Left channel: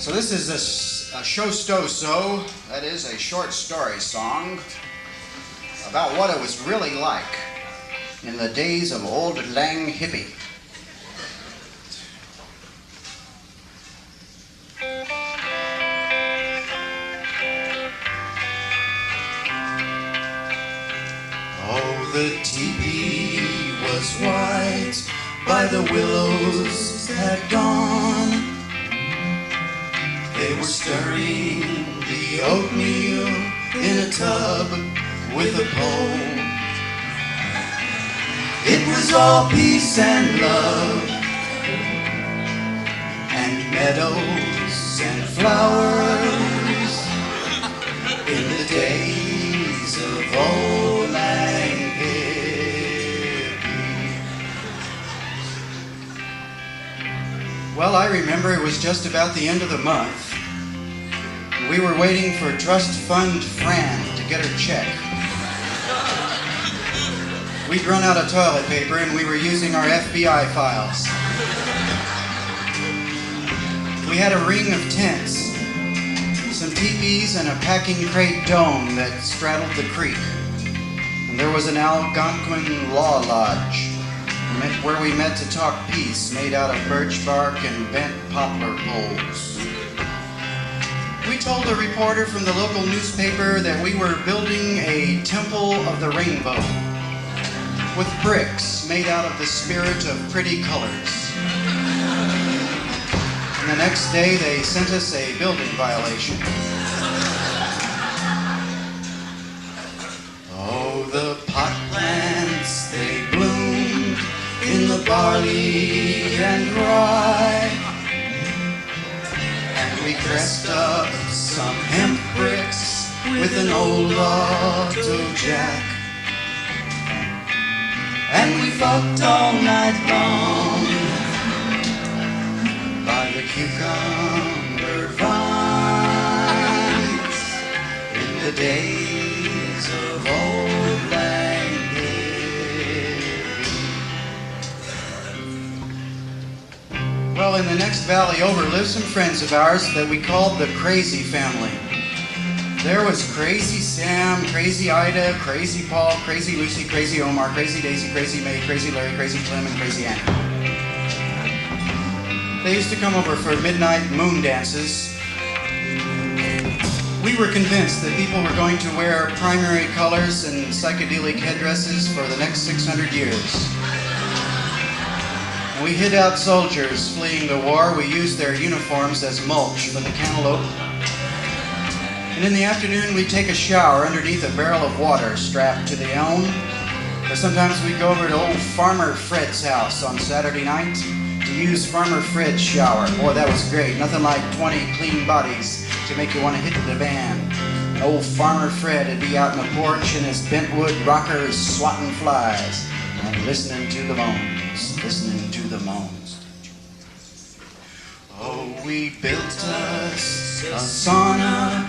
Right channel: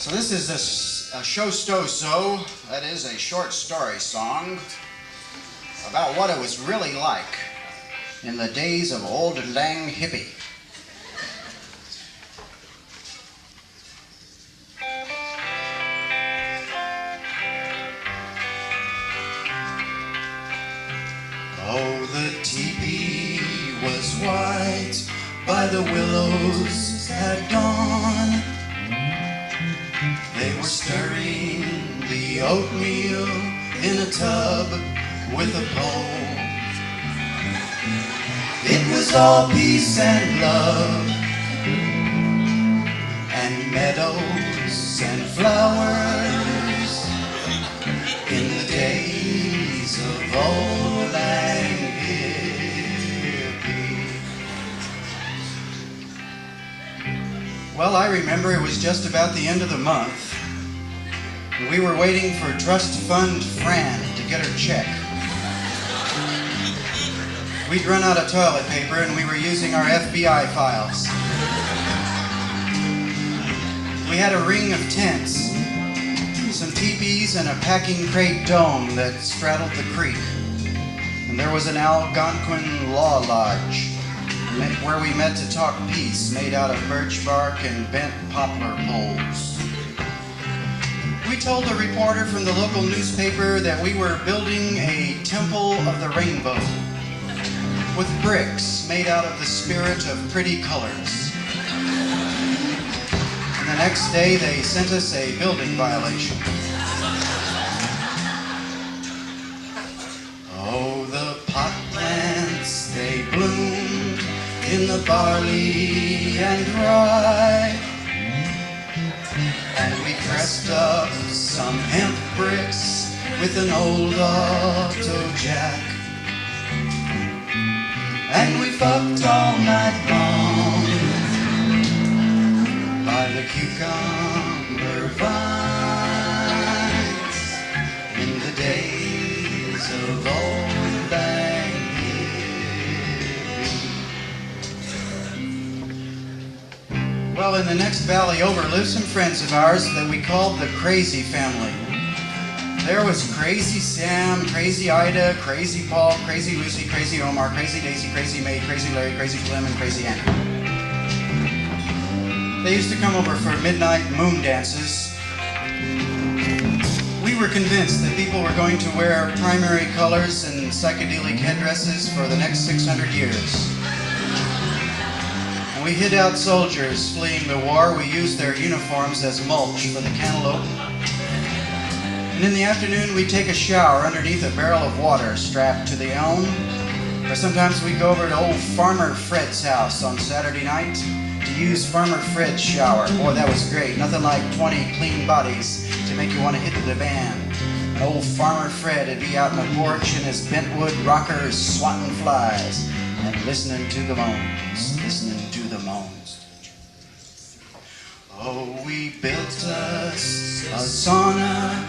So this is a show-sto-so, that is a short story song about what it was really like in the days of old lang hippie. Oh, the teepee was white by the willows at dawn. They were stirring the oatmeal in a tub with a pole. It was all peace and love, and meadows and flowers in the days of old lang hippie. Well, I remember it was just about the end of the month. We were waiting for Trust Fund Fran to get her check. We'd run out of toilet paper and we were using our FBI files. We had a ring of tents, some teepees and a packing crate dome that straddled the creek. And there was an Algonquin law lodge where we met to talk peace, made out of birch bark and bent poplar poles. We told a reporter from the local newspaper that we were building a temple of the rainbow with bricks made out of the spirit of pretty colors. And the next day they sent us a building violation. Oh, the pot plants, they bloomed in the barley and rye. And we pressed up some hemp bricks with an old auto jack. And we fucked all night long by the cucumber vines in the days of old lang hippie. Well, in the next valley over lived some friends of ours that we called the Crazy Family. There was Crazy Sam, Crazy Ida, Crazy Paul, Crazy Lucy, Crazy Omar, Crazy Daisy, Crazy May, Crazy Larry, Crazy Clem, and Crazy Annie. They used to come over for midnight moon dances. We were convinced that people were going to wear primary colors and psychedelic headdresses for the next 600 years. When we hid out soldiers fleeing the war, we used their uniforms as mulch for the cantaloupe. And in the afternoon, we'd take a shower underneath a barrel of water strapped to the elm. Or sometimes we'd go over to old Farmer Fred's house on Saturday night to use Farmer Fred's shower. Boy, that was great. Nothing like 20 clean bodies to make you want to hit the van. And old Farmer Fred would be out on the porch in his bentwood rocker swatting flies and listening to the moans, listening to the moans. Oh, we built us a sauna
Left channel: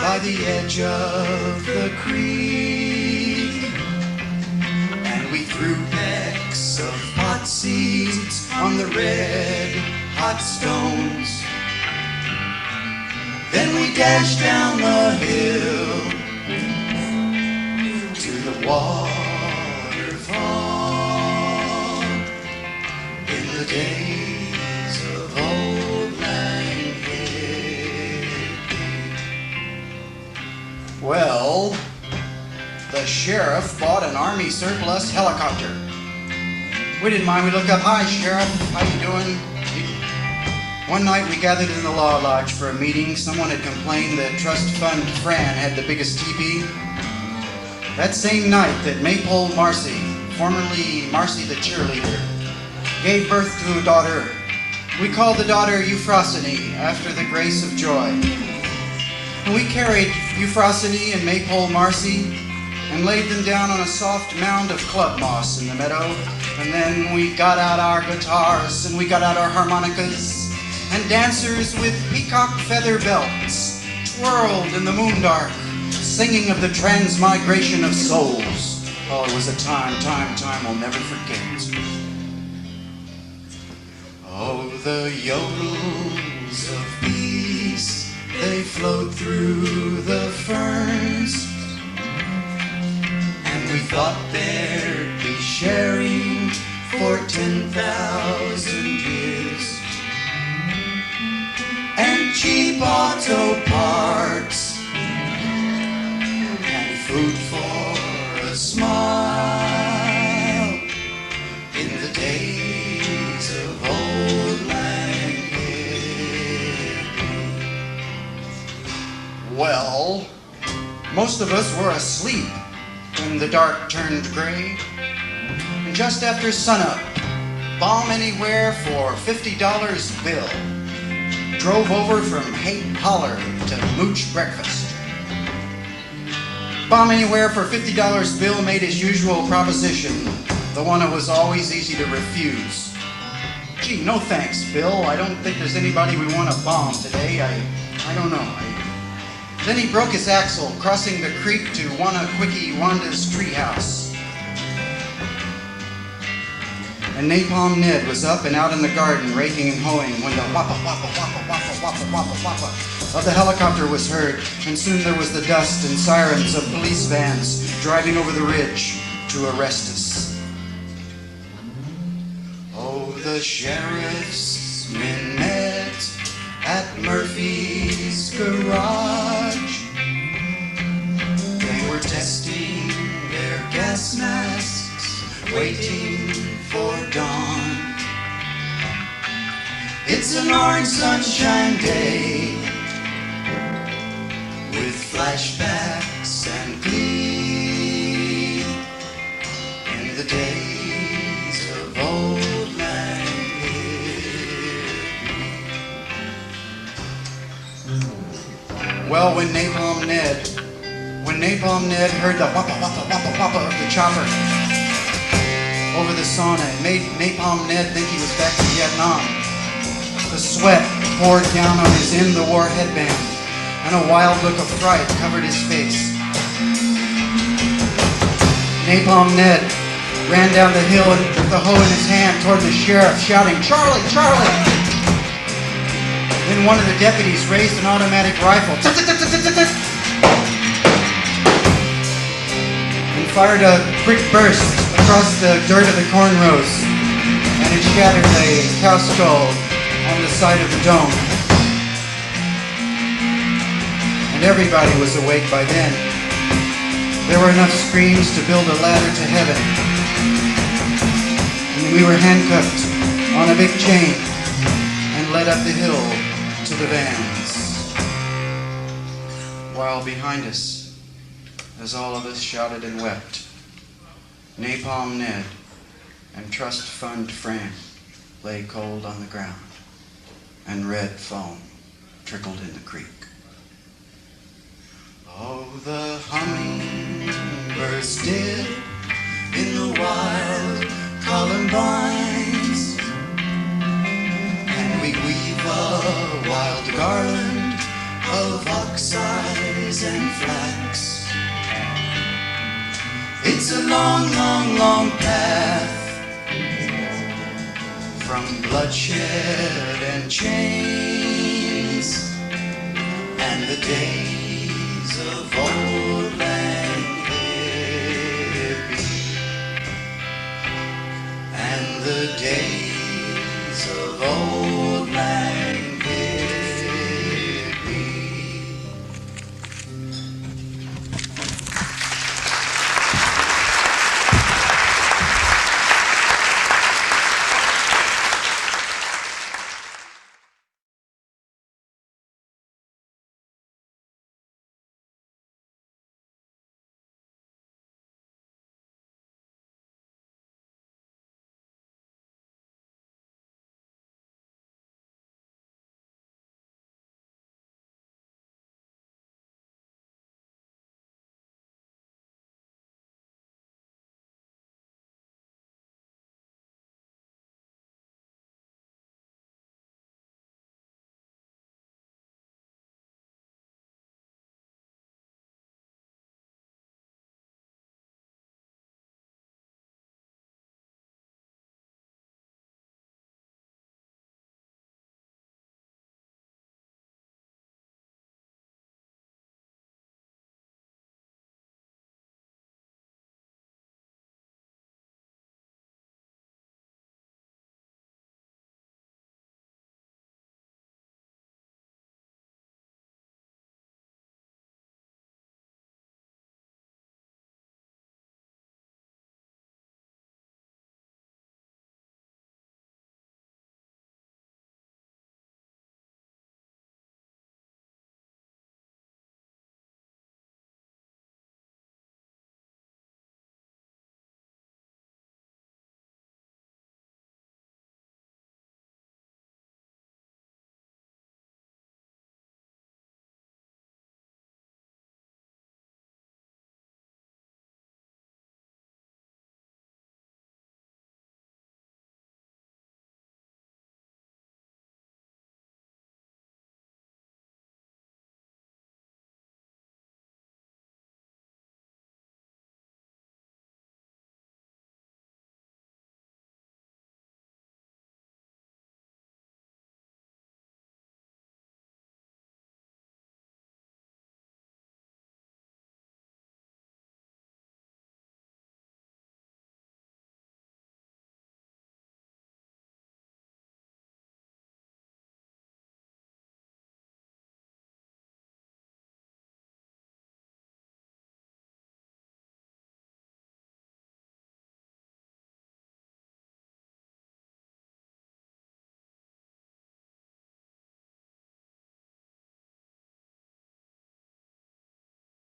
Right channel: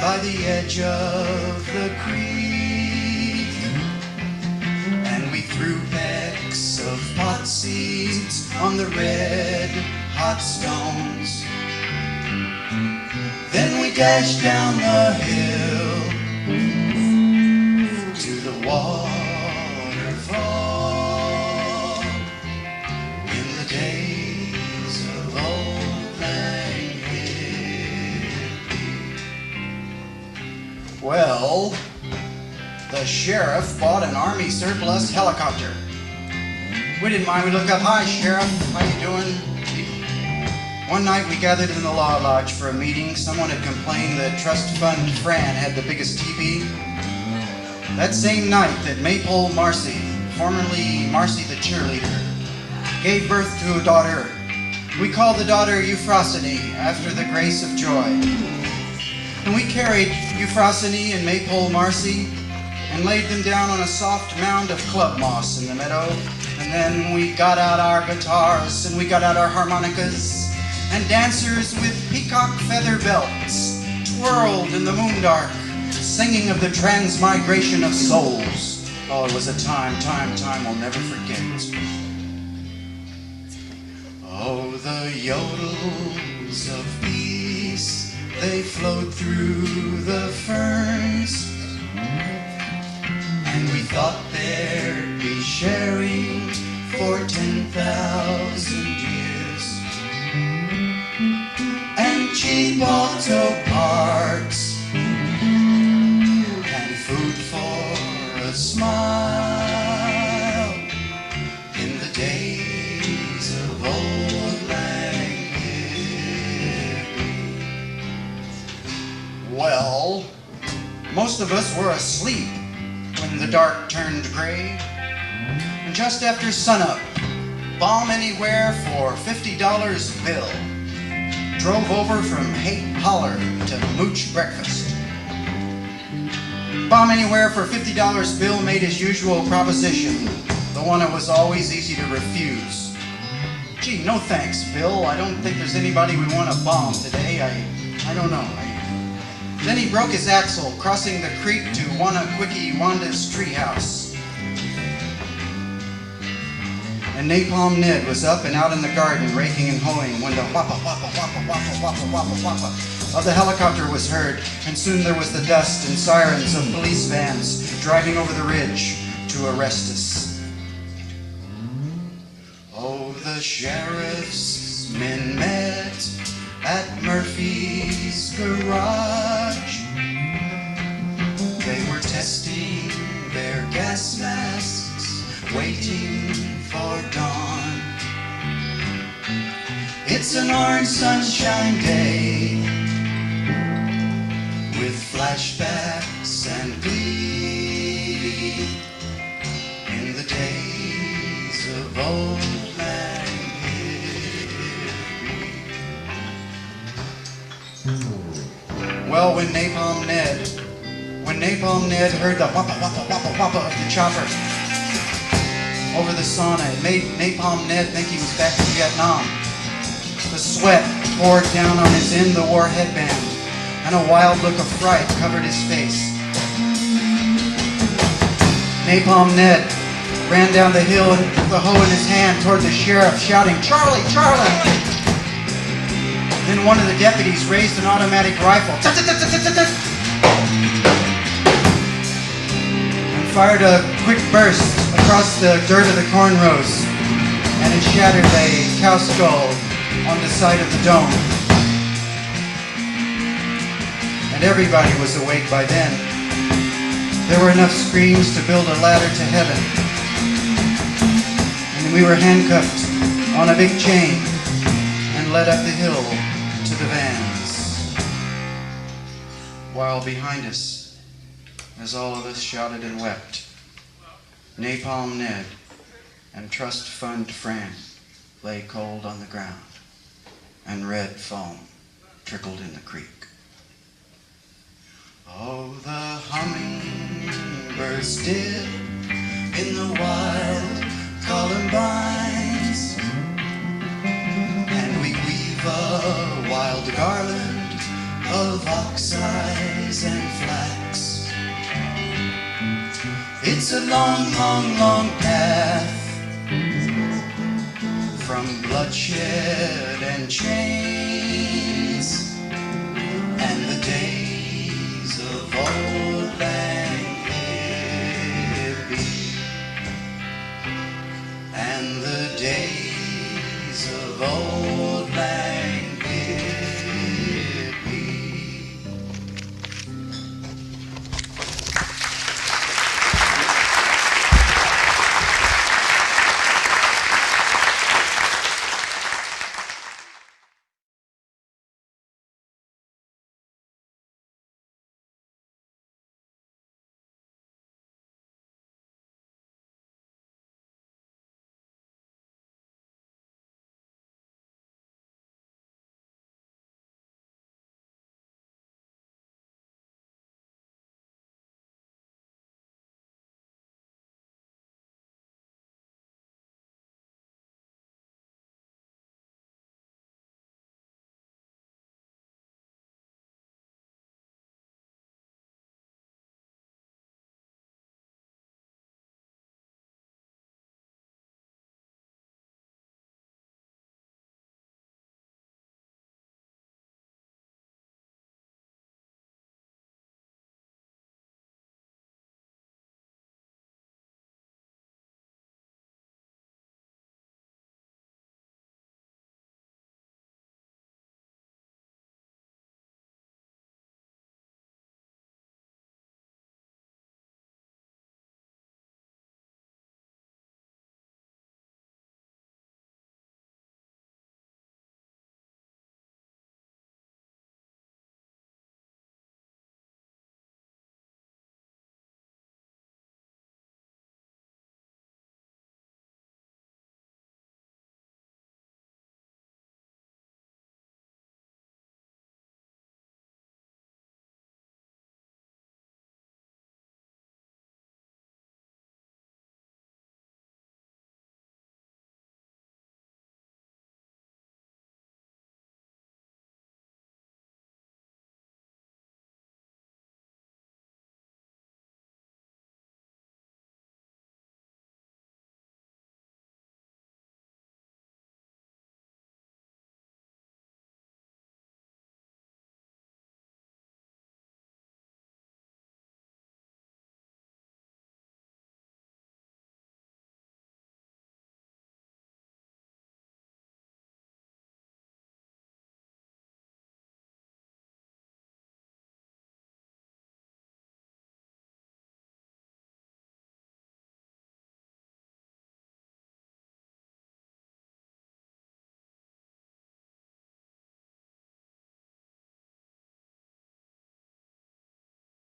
by the edge of the creek, and we threw pecks of pot seeds on the red hot stones. Then we dashed down the hill to the waterfall in the days of old lang hippie. Well, the sheriff bought an army surplus helicopter. We didn't mind. We looked up, "Hi, Sheriff, how you doing?" One night we gathered in the law lodge for a meeting. Someone had complained that Trust Fund Fran had the biggest teepee. That same night that Maypole Marcy, formerly Marcy the cheerleader, gave birth to a daughter. We called the daughter Euphrosyne after the grace of joy. And we carried Euphrosyne and Maypole Marcy and laid them down on a soft mound of club moss in the meadow. And then we got out our guitars and we got out our harmonicas, and dancers with peacock feather belts twirled in the moondark, singing of the transmigration of souls. Oh, it was a time we'll never forget. Oh, the yodels of peace they flowed through the ferns, and we thought there'd be sharing for 10,000 years, and cheap auto parts, and food for a smile in the days of old Lang Hippie. Well, most of us were asleep when the dark turned gray, and just after sunup, Bomb Anywhere for $50 bill drove over from Haight Holler to mooch breakfast. Bomb Anywhere for $50 bill made his usual proposition, the one that was always easy to refuse. Gee, no thanks, Bill. I don't think there's anybody we want to bomb today. I don't know. Then he broke his axle crossing the creek to Wanna Quickie Wanda's treehouse. And Napalm Ned was up and out in the garden raking and hoeing when the wappa wappa wappa wappa wappa wappa wappa of the helicopter was heard, and soon there was the dust and sirens of police vans driving over the ridge to arrest us. Oh, the sheriff's men met at Murphy's garage. They were testing their gas masks, waiting for dawn. It's an orange sunshine day with flashbacks and glee in the days of old Lang Hippie. Well, when Napalm Ned heard the wappa wappa wappa wappa of the chopper over the sauna, it made Napalm Ned think he was back in Vietnam. The sweat poured down on his in-the-war headband, and a wild look of fright covered his face. Napalm Ned ran down the hill with the hoe in his hand toward the sheriff, shouting, "Charlie, Charlie!" Then one of the deputies raised an automatic rifle and fired a quick burst across the dirt of the cornrows, and it shattered a cow skull on the side of the dome. And everybody was awake by then. There were enough screams to build a ladder to heaven. And then we were handcuffed on a big chain and led up the hill to the vans. While behind us, as all of us shouted and wept, Napalm Ned and Trust Fund Fran lay cold on the ground, and red foam trickled in the creek. Oh, the hummingbirds did in the wild columbines, and we weave a wild garland of ox-eyes and flax. It's a long, long, long path from bloodshed and chains and the days of old.